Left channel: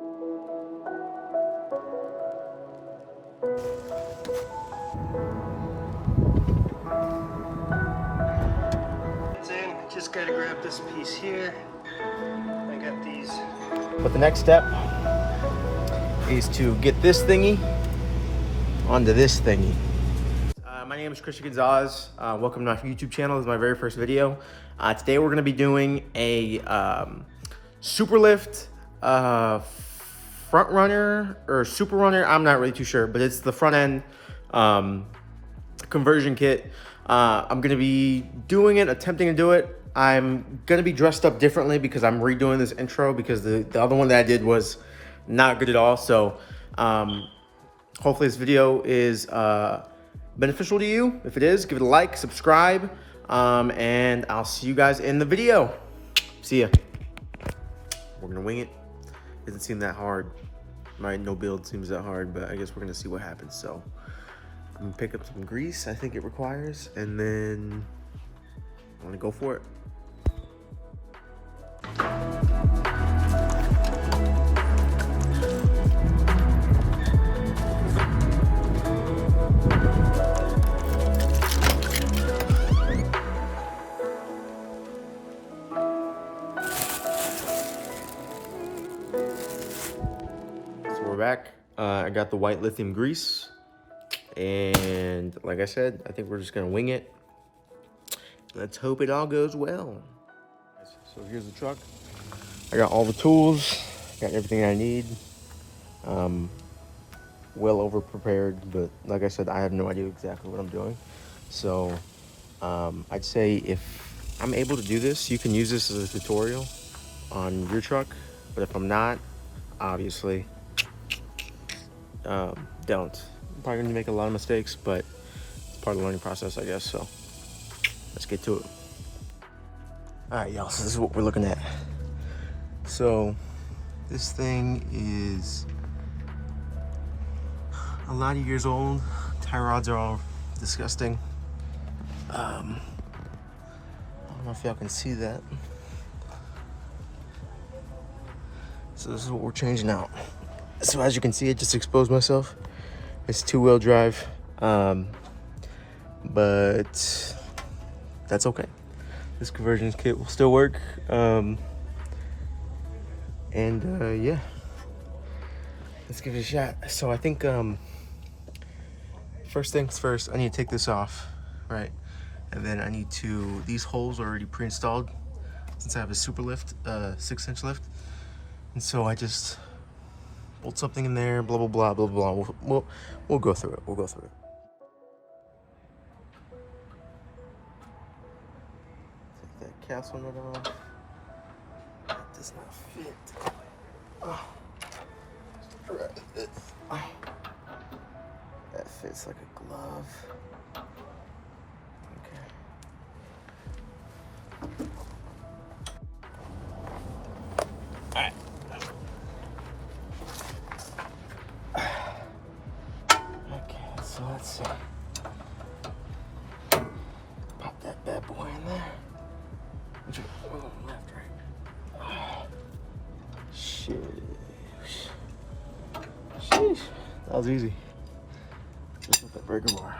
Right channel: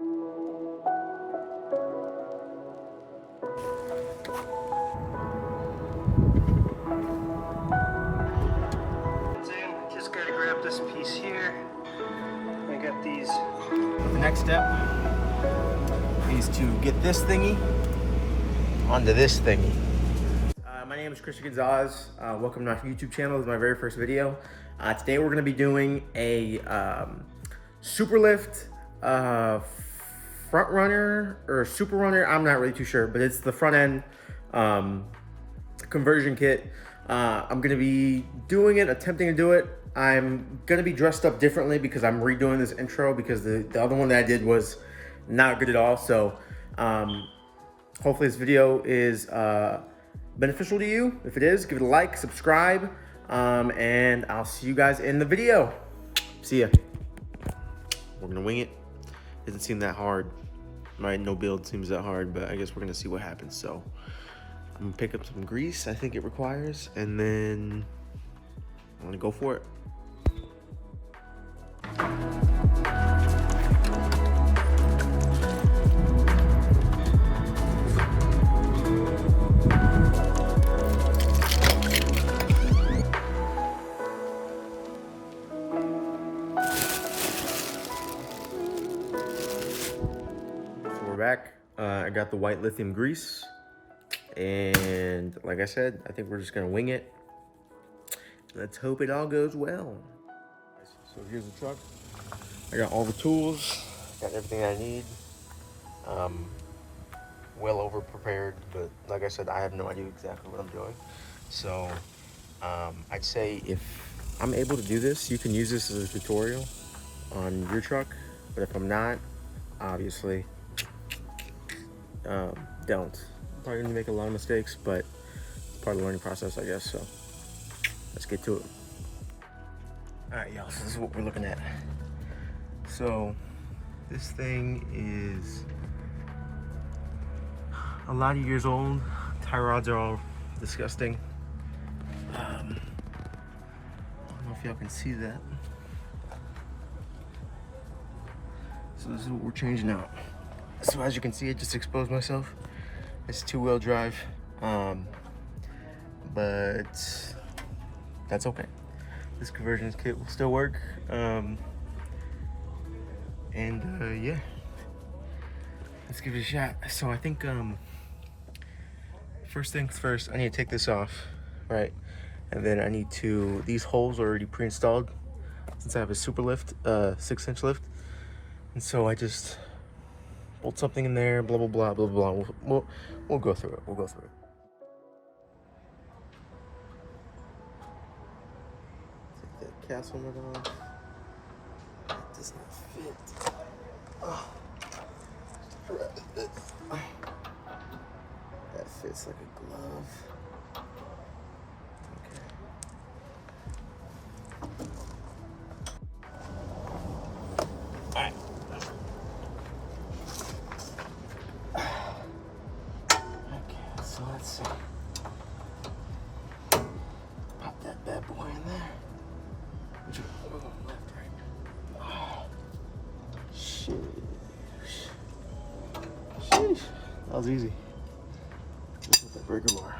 Just gotta grab this piece here. I got these. But the next step is to get this thingy onto this thingy. My name is Christian Gonzalez. Welcome to my YouTube channel. This is my very first video. Today we're gonna be doing a Superlift front runner or Superunner. I'm not really too sure, but it's the front end conversion kit. I'm gonna be doing it, attempting to do it. I'm gonna be dressed up differently because I'm redoing this intro because the other one that I did was not good at all. So hopefully this video is beneficial to you. If it is, give it a like, subscribe, and I'll see you guys in the video. See ya. We're gonna wing it. Doesn't seem that hard. My no build seems that hard, but I guess we're gonna see what happens. So I'm gonna pick up some grease, I think it requires, and then I'm gonna go for it. So we're back. I got the white lithium grease. And like I said, I think we're just gonna wing it. Let's hope it all goes well. So here's the truck. I got all the tools, got everything I need. Well over prepared, but like I said, I have no idea exactly what I'm doing. So I'd say if I'm able to do this, you can use this as a tutorial on your truck. But if I'm not, obviously, don't. Probably gonna make a lot of mistakes, but it's part of the learning process, I guess. So let's get to it. All right, y'all, so this is what we're looking at. So this thing is a lot of years old. Tie rods are all disgusting. I don't know if y'all can see that. So this is what we're changing out. So as you can see, I just exposed myself. It's 2-wheel drive, but that's okay. This conversion kit will still work. Yeah, let's give it a shot. So I think first things first, I need to take this off, right? And then I need to, these holes are already pre-installed since I have a Superlift, 6-inch lift. And so I just bolt something in there, blah, blah, blah, blah, blah. We'll go through it. We'll go through it. Take that castle nut off. It does not fit. That fits like a glove. Okay. Alright. Okay, so let's see. Pop that bad boy in there. Left, right. Sheesh. That was easy. Just with that breaker bar.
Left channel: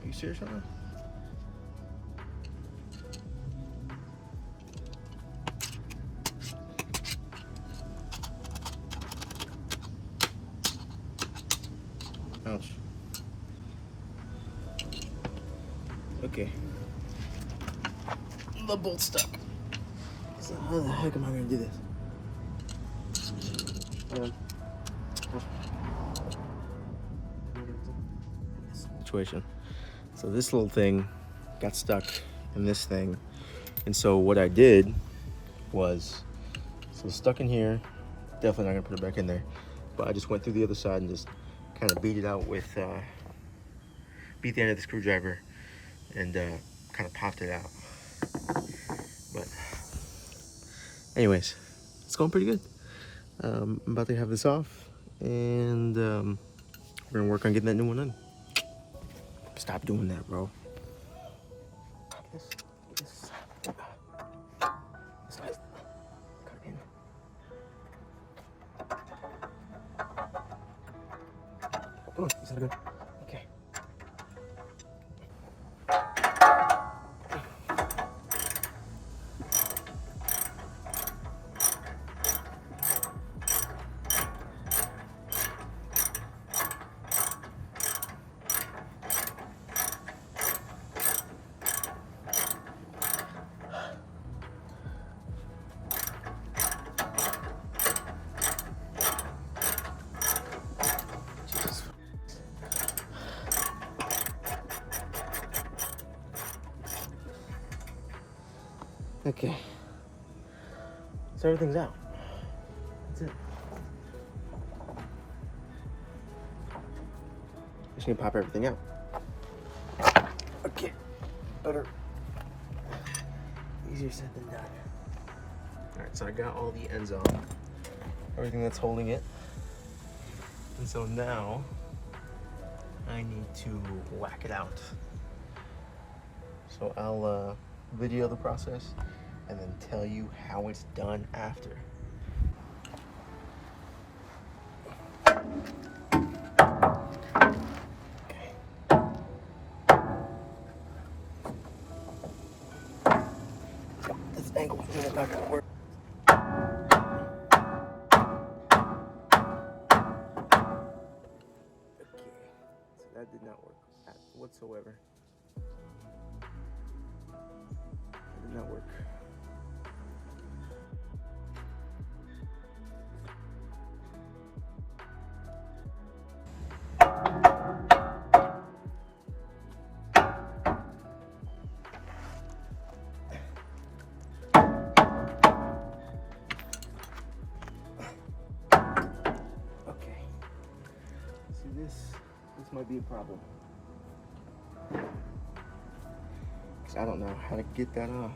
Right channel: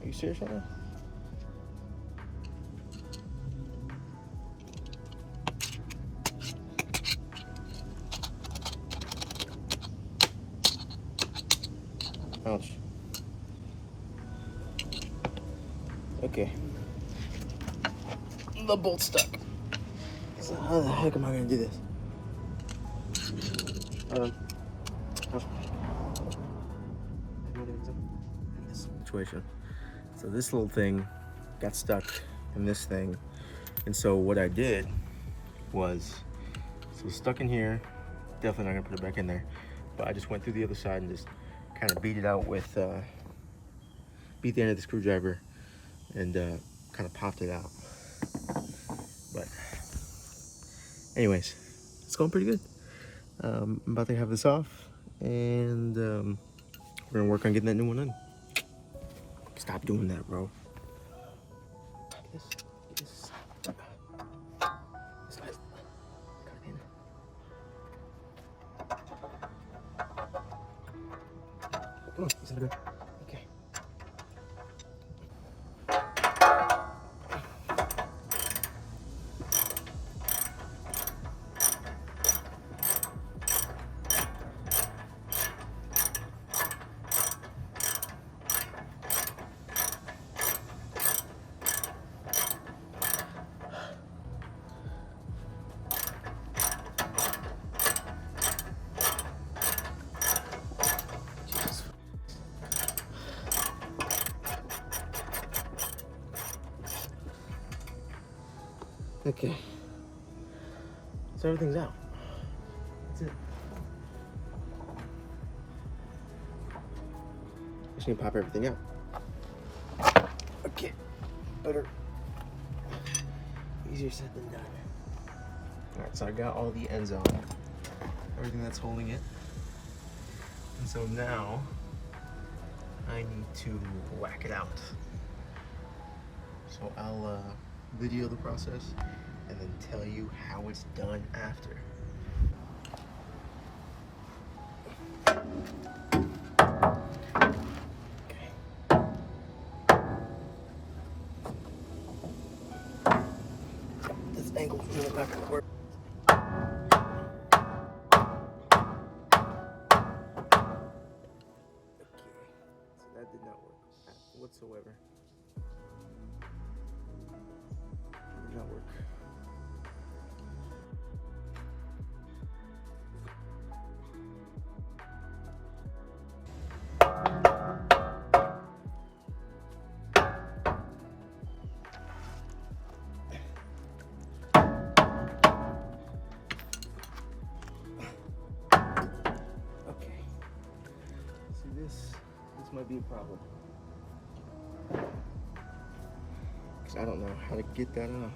Are you serious right now? Okay. The bolt's stuck. So how the heck am I gonna do this? Situation. So this little thing got stuck in this thing, and so what I did was, so it's stuck in here. Definitely not gonna put it back in there, but I just went through the other side and just kind of beat it out with, beat the end of the screwdriver and kind of popped it out. But anyways, it's going pretty good. I'm about to have this off, and we're gonna work on getting that new one in. Stop doing that, bro. Come on, is that good? Okay. Okay, so everything's out. That's it. Just need to pop everything out. Okay, better. Easier said than done. All right, so I got all the ends on, everything that's holding it. And so now I need to whack it out. So I'll video the process and then tell you how it's done after. Okay. This angle's really not gonna work. Okay, so that did not work whatsoever. It did not work. Okay, see this might be a problem, because I don't know how to get that off.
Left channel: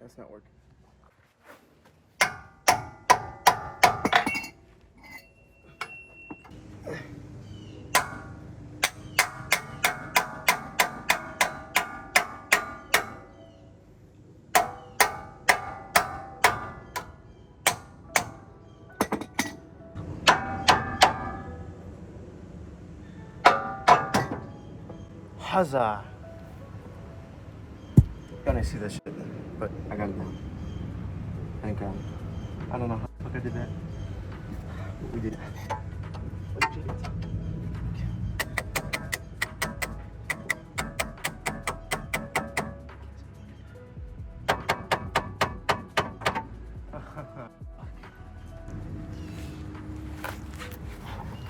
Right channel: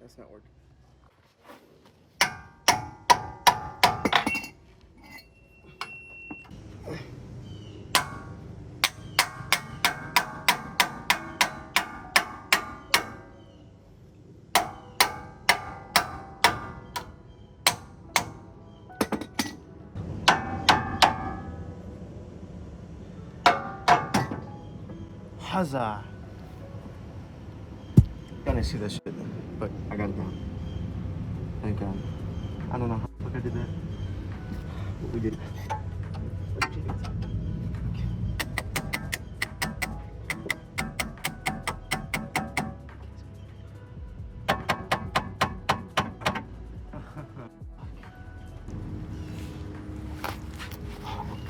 That's not working. Huzzah! Then I see this shit, but I got it down. Thank God. I don't know how the fuck I did that, but we did it.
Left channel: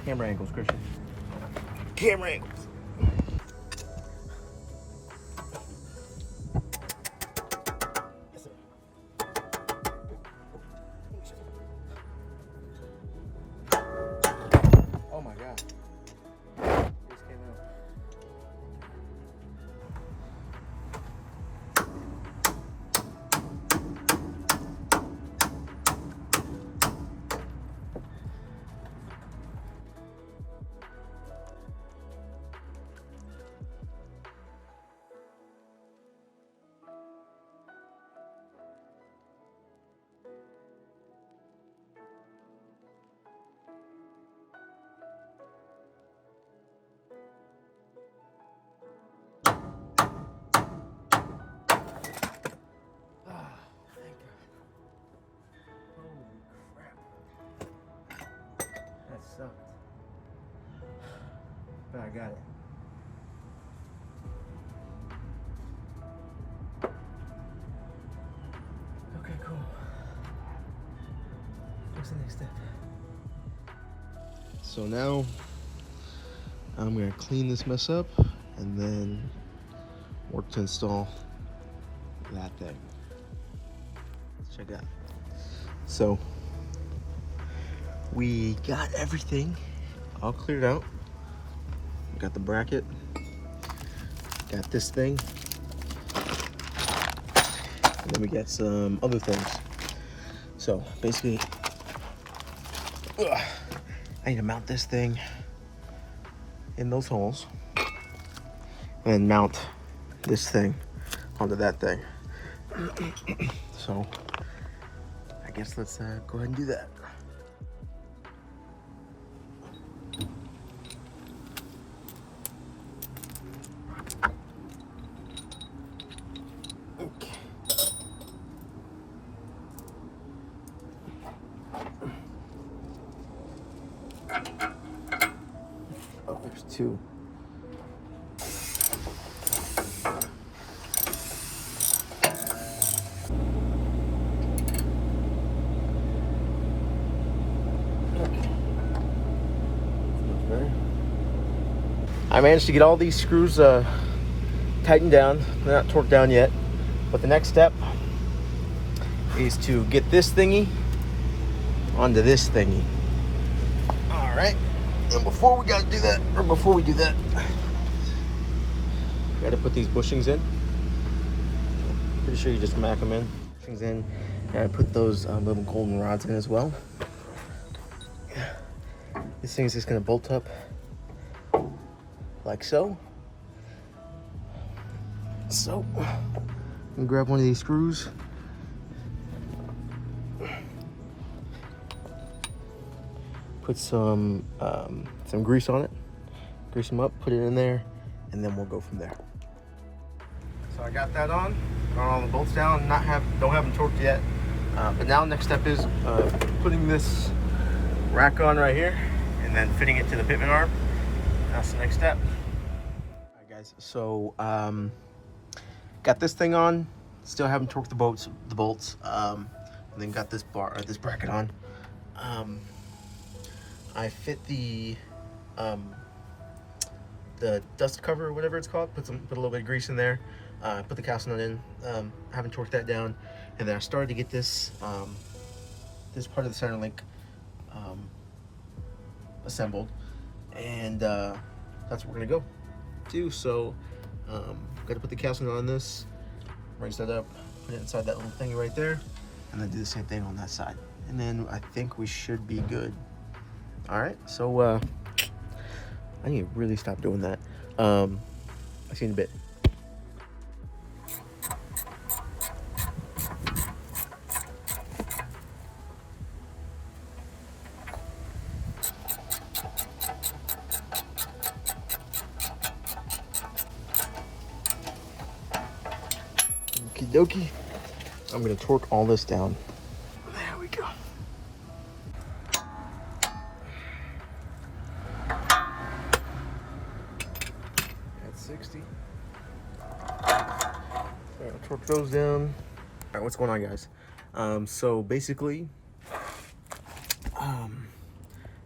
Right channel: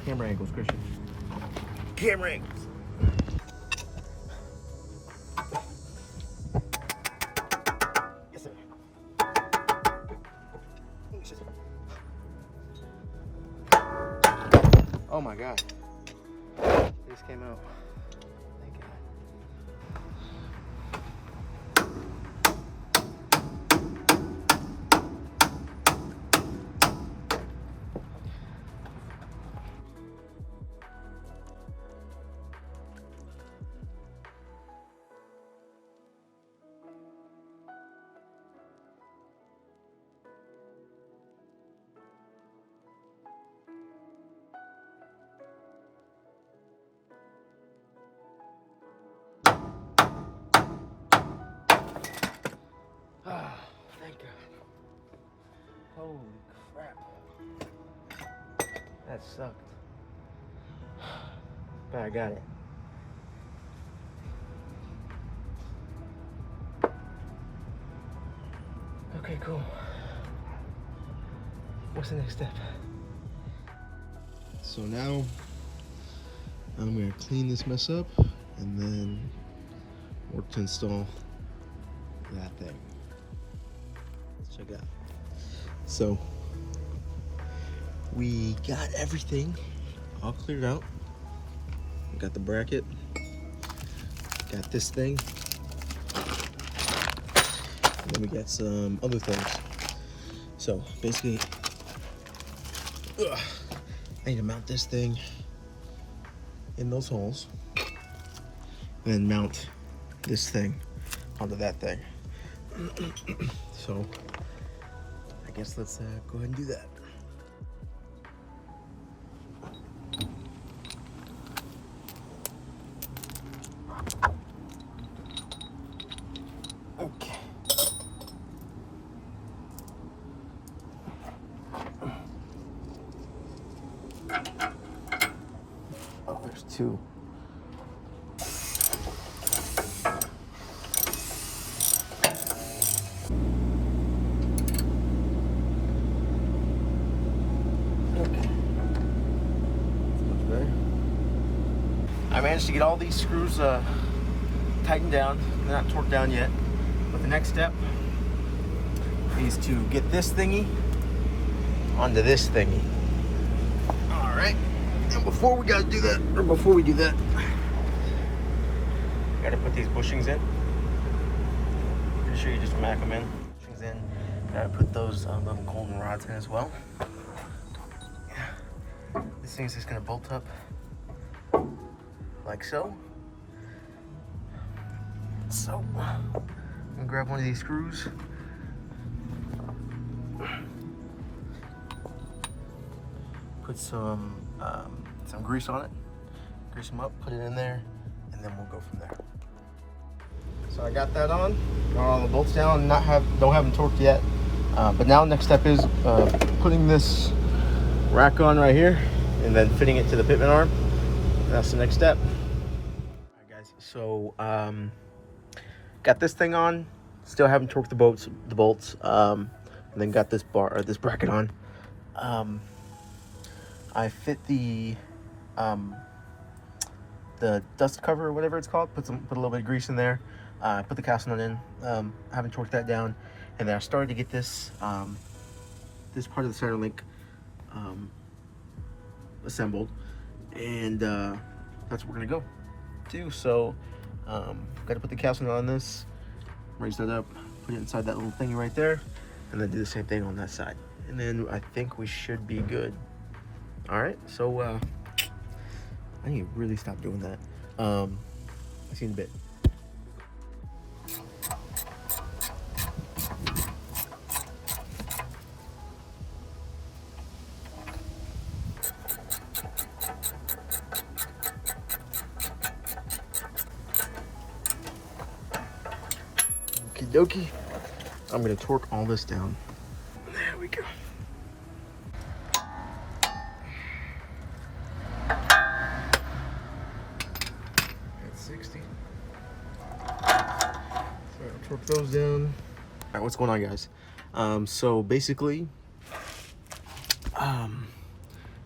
Camera angles, Christian. Camera angles. Yes, sir. Oh my God. This came out. Holy crap. That sucked. But I got it. Okay, cool. What's the next step? So now I'm gonna clean this mess up and then work to install that thing. Let's check it out. So we got everything all cleared out. We got the bracket, got this thing, and then we got some other things. So basically, I need to mount this thing in those holes and then mount this thing onto that thing. So I guess let's go ahead and do that. Okay. Oh, there's two. I managed to get all these screws tightened down. They're not torqued down yet. But the next step is to get this thingy onto this thingy. All right. And before we do that, you gotta put these bushings in. Pretty sure you just smack them in. Bushings in. And I put those little golden rods in as well. This thing's just gonna bolt up like so. So, I'm gonna grab one of these screws. Put some grease on it. Grease them up, put it in there, and then we'll go from there. So I got that on. Got all the bolts down. Don't have them torqued yet. But now the next step is putting this rack on right here, and then fitting it to the pitman arm. That's the next step. All right, guys. So got this thing on. Still haven't torqued the bolts. And then got this bracket on. I fit the dust cover or whatever it's called. Put a little bit of grease in there. Put the casting on in. I haven't torqued that down, and then I started to get this this part of the center link assembled, and that's what we're gonna go do. So got to put the casting on this, raise that up, put it inside that little thingy right there, and then do the same thing on that side, and then I think we should be good. All right, so I need to really stop doing that. I'll see you in a bit. Okie dokie. I'm gonna torque all this down. There we go. At 60. So I'll torque those down. All right, what's going on, guys? So basically,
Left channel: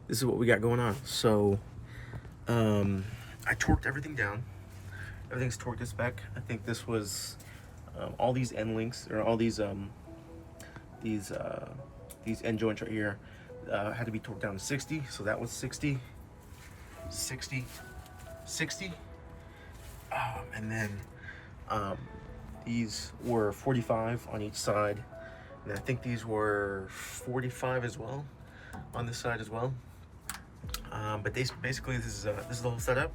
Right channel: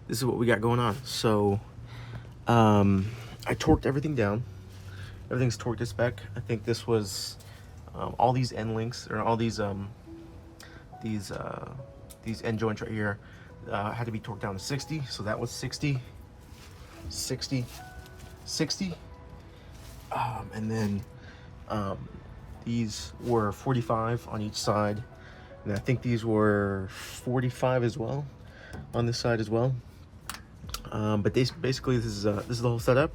this is what we got going on. So I torqued everything down. Everything's torqued to spec. I think this was all these end links, or all these end joints right here had to be torqued down to 60. So that was 60, 60, 60. And then these were 45 on each side. And I think these were 45 as well on this side as well. But basically this is the whole setup.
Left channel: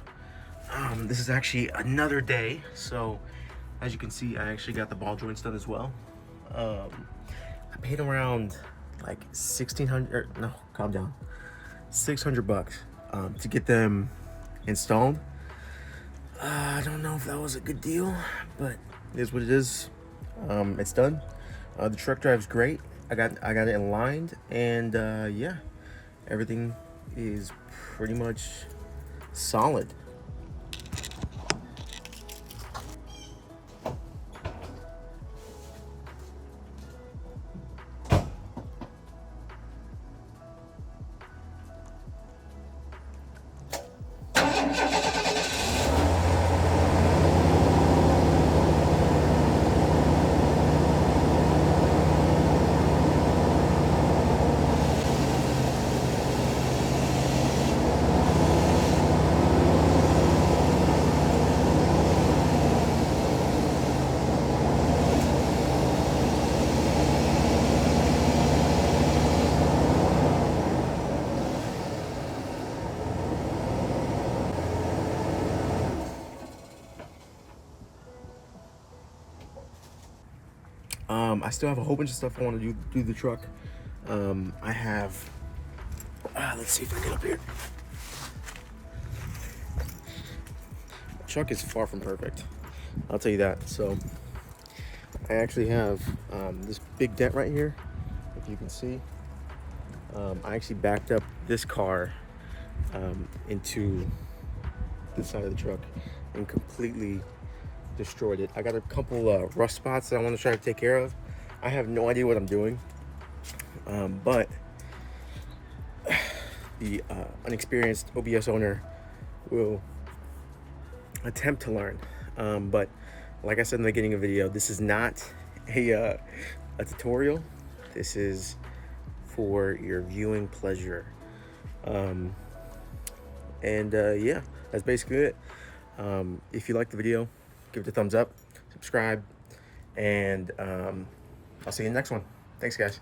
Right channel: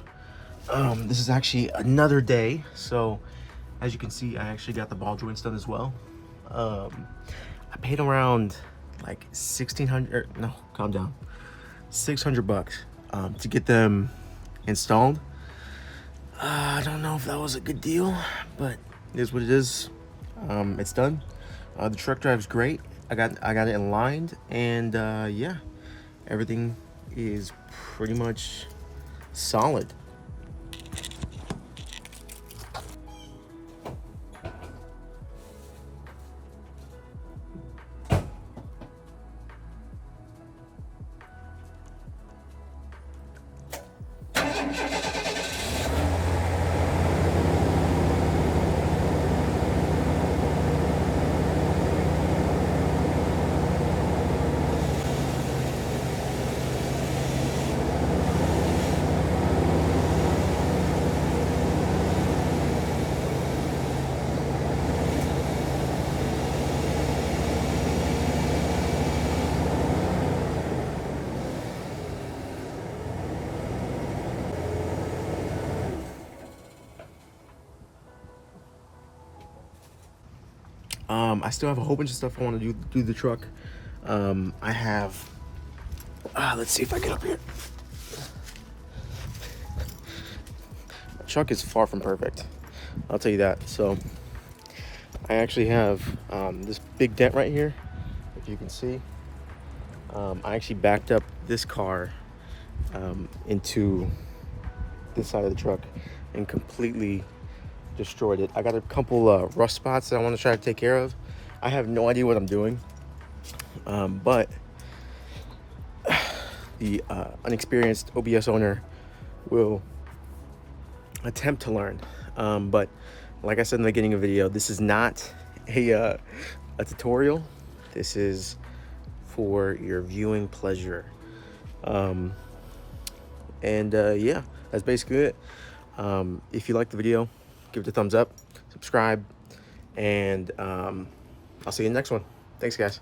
This is actually another day. So as you can see, I actually got the ball joints done as well. I paid around like 1,600, no, calm down, $600 to get them installed. I don't know if that was a good deal, but it is what it is. It's done. The truck drives great. I got it aligned, and yeah, everything is pretty much solid. I still have a whole bunch of stuff I want to do the truck. I have, let's see if I get up here. The truck is far from perfect, I'll tell you that. So I actually have this big dent right here, if you can see. I actually backed up this car into this side of the truck and completely destroyed it. I got a couple rust spots that I want to try to take care of. I have no idea what I'm doing, but the unexperienced OBS owner will attempt to learn. But like I said in the beginning of the video, this is not a tutorial. This is for your viewing pleasure. Yeah, that's basically it. If you like the video, give it a thumbs up, subscribe, and I'll see you in the next one. Thanks, guys.